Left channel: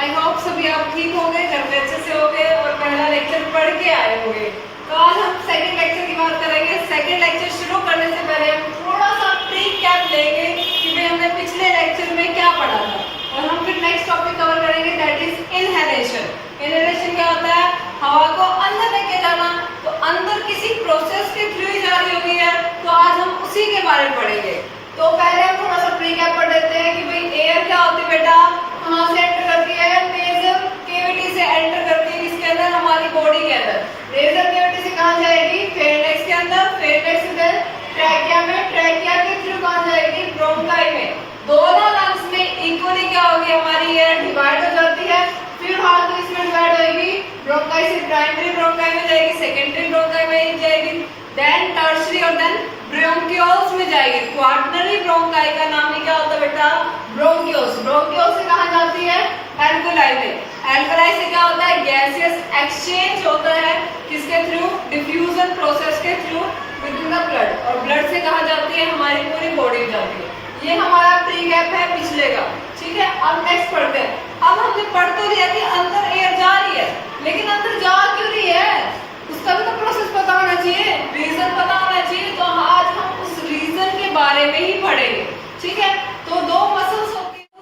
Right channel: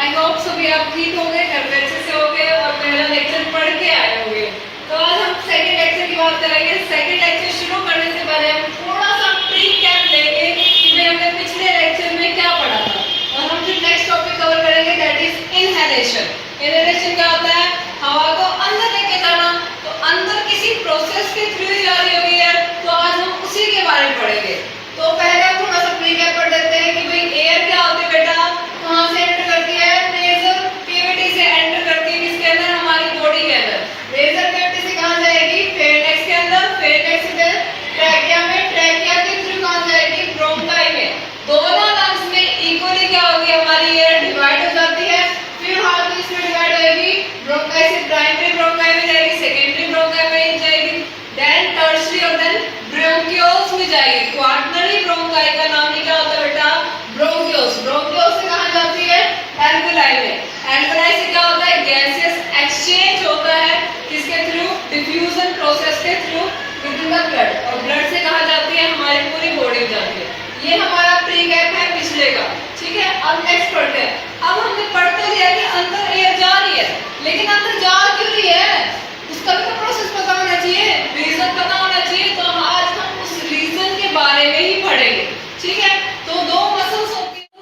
I hope सभी आप ठीक होंगे, घर पे अच्छे से होंगे और पहला लेक्चर पढ़ के आए होंगे। तो आज हम सेकंड लेक्चर की बात करेंगे। सेकंड लेक्चर शुरू करने से पहले हम थोड़ा सा प्री कैप लेंगे कि भाई हमने पिछले लेक्चर में क्या पढ़ा था, और हम फिर नेक्स्ट टॉपिक कवर करेंगे, दैट इज इनहेलेशन। इनहेलेशन क्या होता है? हवा को अंदर लेके जाना। तो अंदर किसी प्रोसेस के थ्रू ही जा रही होगी है, तो आज हम उसी के बारे में पढ़ेंगे। तो पहले हम थोड़ा सा प्री कैप पढ़ देते हैं कि भाई एयर क्या होती है बेटा, कहाँ से एंटर करती है? नेजल कैविटी से एंटर करती है। किसके अंदर? हमारी बॉडी के अंदर। नेजल कैविटी से कहाँ जाएगी? फेरेंक्स के अंदर। फेरेंक्स से ट्रैकिया में। ट्रैकिया के थ्रू कहाँ जाएगी? ब्रोंकाई में। दोनों लंग्स में इक्वली क्या होगी? हमारी एयर डिवाइड हो जाती है। फिर हाथ इसमें डिवाइड होगी। ब्रोंकाई से प्राइमरी ब्रोंकाई में जाएगी, सेकेंडरी ब्रोंकाई में जाएगी, देन टर्शियरी और देन ब्रोंकियोल्स में जाएगी। क्वार्टरनरी ब्रोंकाई का नाम ही क्या होता है बेटा? ब्रोंकियोल्स। ब्रोंकियोल्स से कहाँ जाती है? एल्वेलाई में। एल्वेलाई से क्या होता है? गैसेस एक्सचेंज होता है। किसके थ्रू? डिफ्यूजन प्रोसेस के थ्रू विद द ब्लड। और ब्लड से कहाँ जाती है? हमारी पूरी बॉडी में जाती है। ये हमारा प्री कैप है पिछले का, ठीक है। अब नेक्स्ट पढ़ते हैं। अब हमने पढ़ते लिया कि अंदर एयर जा रही है, लेकिन अंदर जा क्यों रही है? उसका भी तो प्रोसेस पता होना चाहिए, रीजन पता होना चाहिए। तो आज हम उस रीजन के बारे में ही पढ़ेंगे, ठीक है। तो दो मसल्स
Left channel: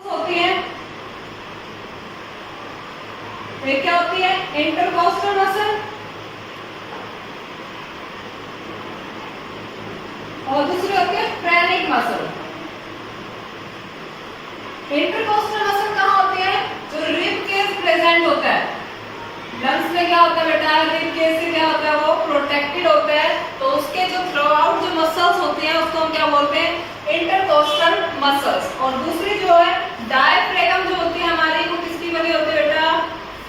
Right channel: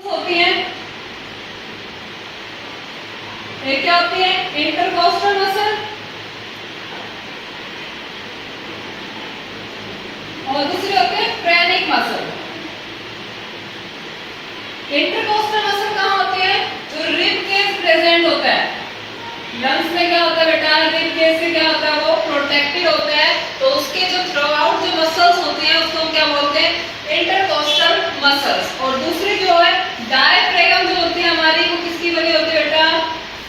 होती हैं। एक क्या होती है? इंटरकोस्टल मसल, और दूसरी होती है फ्रेनिक मसल। इंटरकोस्टल मसल कहाँ होती है? जो रिब केस प्रेजेंट होता है लंग्स में। क्या होता है बेटा? रिब केस से क्या होता है? वो प्रोटेक्टेड होता है। तो उसके जो थ्रू आउट जो मसल्स होती हैं उसको हम क्या बोलते हैं? Intercostal muscles. और दूसरी जो है डायफ्रागम जो होती है हमारी, वो किसकी बनी होती है बेटा?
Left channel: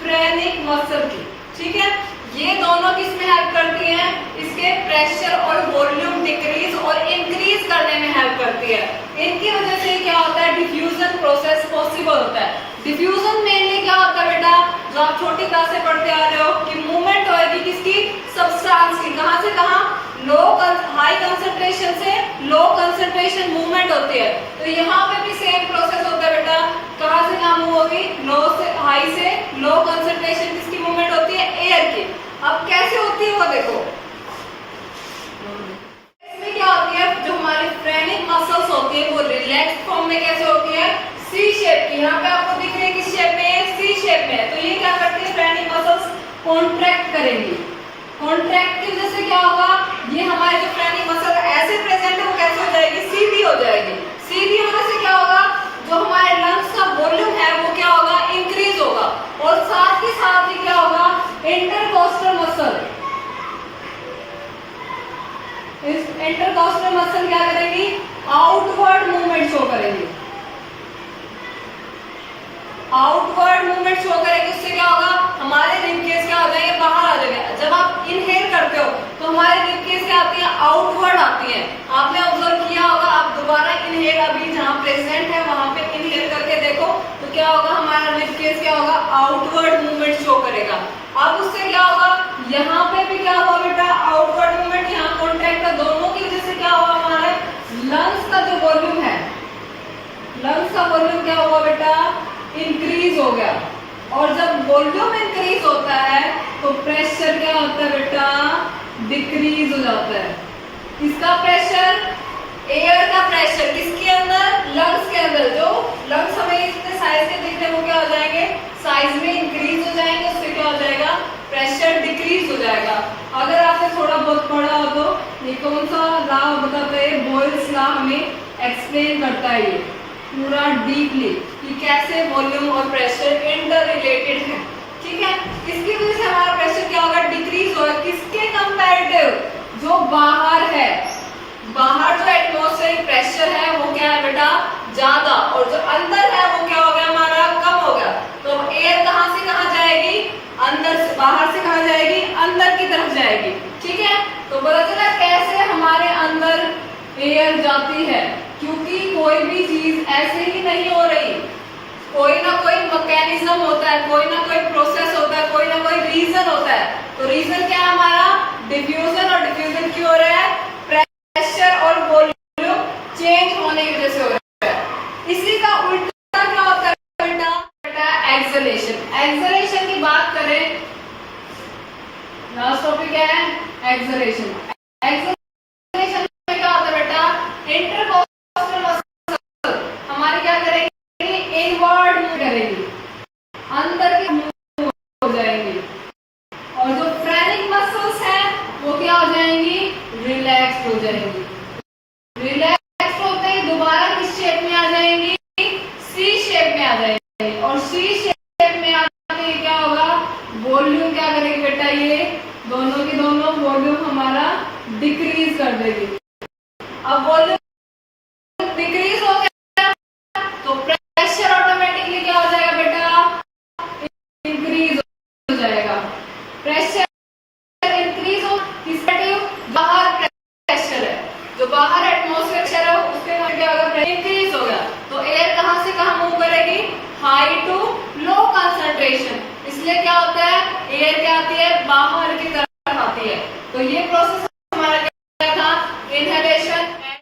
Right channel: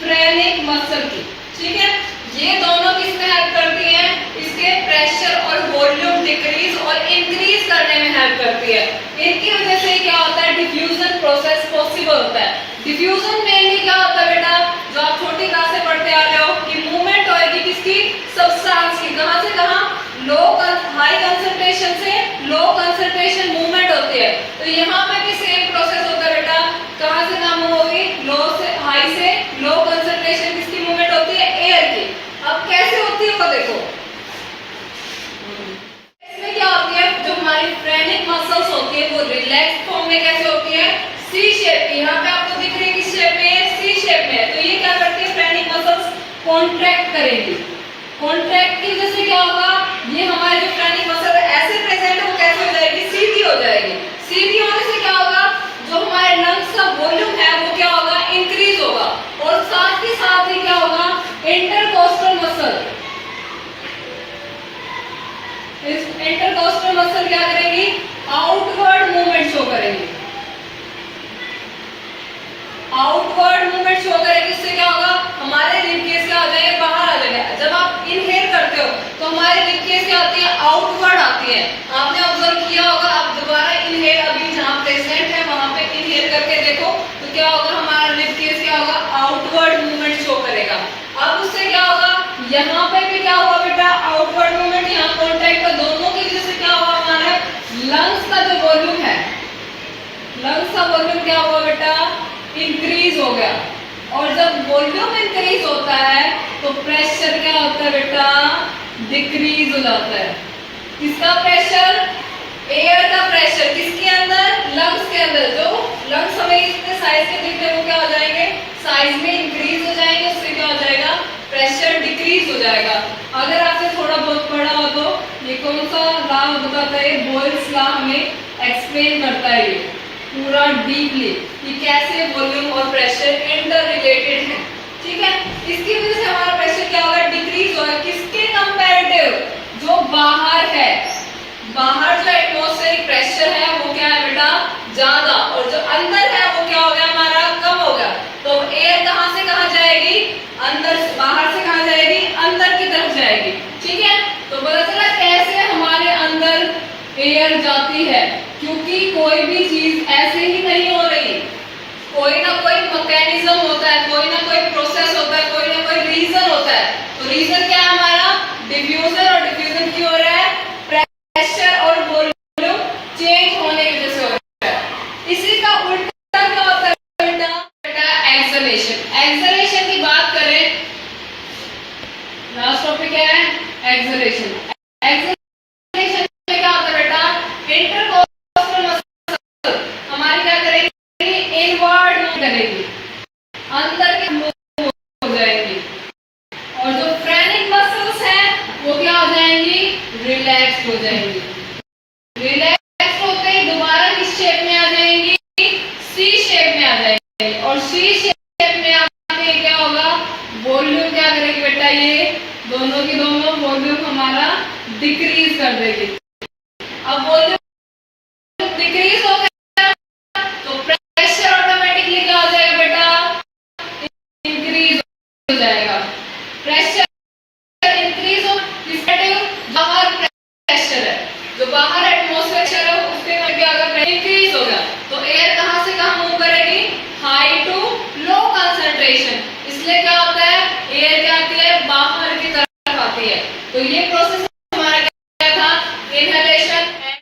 फ्रेनिक मसल की, ठीक है। ये दोनों किसमें हेल्प करती हैं? इसके प्रेशर और वॉल्यूम डिक्रीज और इंक्रीज करने में हेल्प करती है। इनकी वजह से क्या होता है? डिफ्यूजन प्रोसेस पॉसिबल होता है। डिफ्यूजन में क्या होता है बेटा? जो आप छोटी क्लास से पढ़ते आ रहे हो कि मूवमेंट होगी किसकी? सब्सटेंस की। कहां से कहां? लो हाई कंसंट्रेशन से लो कंसंट्रेशन मूवमेंट होती है। तो यहाँ पे भी सेम प्रोसेस होता है बेटा। कहां से कहां मूव होगी? लो से हाई से लो कंसंट्रेशन किसकी मूवमेंट होती है? एयर की। अब कैसे होती है वो देखो। इसमें क्या होती है? जो हमारी फ्रेनिक मसल्स होती है वो रिलैक्स फॉर्म में कैसे होती है? सी शेप की। यहाँ पे आपको दिख रही है किस शेप में? सी शेप में। तो ये क्या करती है? फ्रेनिक मसल्स कॉन्ट्रैक्ट करेंगी। कॉन्ट्रैक्ट की वजह से क्या होगा? ये हमारे जो फ्रेनिक मसल ऐसे प्रेजेंट है वो कैसे हो जाएगी? सीधी हो जाएगी। सीधी होने से क्या होगा? जो हमारे लंग्स का वॉल्यूम है वो क्या होगा? इंक्रीज होगा। और साथ ही क्या होगा? इंटरकोस्टल मसल, इस इंटरकोस्टल मसल क्या करेंगी? आउटवर्ड मूवमेंट शो करेंगी। आउटवर्ड मूवमेंट शो करेंगे। इससे क्या होगा? हमारे रिब केस क्या हो जाएंगे? बाहर आ जाएंगे। जब आप इनहेल करते हो तो हमारे रिब केस क्या आती है? आउटवर्ड आती है। आपने ऑब्जर्व किया होगा। आप दोबारा इनहेल अभी जहां प्रेजेंट है वहां पे इनहेल करके देखो तो क्या होगा? हमारा रिब केस क्या होगा? आउटवर्ड मूवमेंट शो करेगा। अब उससे क्या होगा? यहाँ पे भी क्या हुआ बेटा? Outward movement. यहाँ कॉन्ट्रैक्ट का दोनों की वजह से क्या हुआ? हमारे लंग्स का जो वॉल्यूम है, लंग्स का वॉल्यूम क्या हुआ बेटा? इंक्रीज हो गया। और जब वॉल्यूम इंक्रीज होता है तो प्रेशर क्या होता है बेटा? डिक्रीज हो जाता है। किसका प्रेशर? एयर का प्रेशर। किसके अंदर? लंग्स के अंदर। जो लंग्स हमें इतने साइज के दिख रहे हैं वो क्या हो जाएंगे? साइज में इंक्रीज हो जाएंगे। उससे क्या हो जाएगा? प्रेशर डिक्रीज हो जाएगा। अगर आपने थोड़ा बहुत पढ़ा हो तो ये कौन सा लॉ बताता है? बॉयल्स लॉ हमें एक्सप्लेन करता है ये पूरा डीपली कि कैसे वॉल्यूम और प्रेशर इंटर रिलेटेड है, ठीक है। इसकी वजह से हमारा प्रेशर क्या होगा? डिक्रीज होगा। किसके कंपैरेटिव? जो बाहर है। बाहर जो एटमॉस्फेरिक प्रेशर है वो क्या है बेटा? ज्यादा। और जो अंदर है वो क्या हो गया? हमारा कम हो गया। तो एयर कहां से कहां जाएगी? अंदर से। बाहर से कहां जाएगी? अंदर की तरफ जाएगी, ठीक है। तो पता चला कैसे हमारे अंदर एयर जाती है, क्योंकि कोई भी चीज ऐसे ही नहीं हो रही। कोई ना कोई मैकेनिज्म होता है, कोई ना कोई प्रोसेस होता है, कोई ना कोई रीजन होता है। तो रीजन क्या है हमारा? डिफ्यूजन। और डिफ्यूजन क्यों हो रहा है? प्रेशर और वॉल्यूम चेंज होने की वजह से हो रहा है। इसी का उल्टा क्या होता है बेटा? एक्सलेशन। एक्सलेशन की बात करें, लास्ट टॉपिक क्या है, एक्सलेशन। एक्सलेशन में क्या होता है बेटा, इंटरकोस्टल मसल हमारी क्या करेगी, इनवर्ड मूव करेगी, अंदर की मूव हो जाएंगी, और जो फ्रेनिक मसल्स हैं वो क्या हो जाएंगी, रिलैक्स हो जाएंगी। रिलैक्स होते ही दोबारा किस शेप में आ जाएंगी, सी शेप में आ जाएंगी, और सी शेप में आके क्या होगा, वॉल्यूम क्या करेगी बेटा, ये दोनों की दोनों वॉल्यूम हमारा डिक्रीज कर देगी। अब वॉल्यूम डिक्रीज हो गया तो प्रेशर ऑटोमेटिकली क्या हो जाएगा बेटा, इंक्रीज हो जाएगा। प्रेशर इंक्रीज हो, बाहर प्रेशर है, जो बाहर एटमॉस्फेयर है उसके कारण क्या होगा, इंक्रीज होगा। तो एयर कहां से कहां मूव करेगी, हाई टू लो कंसंट्रेशन। इसलिए क्या होता है, एयर क्या आती है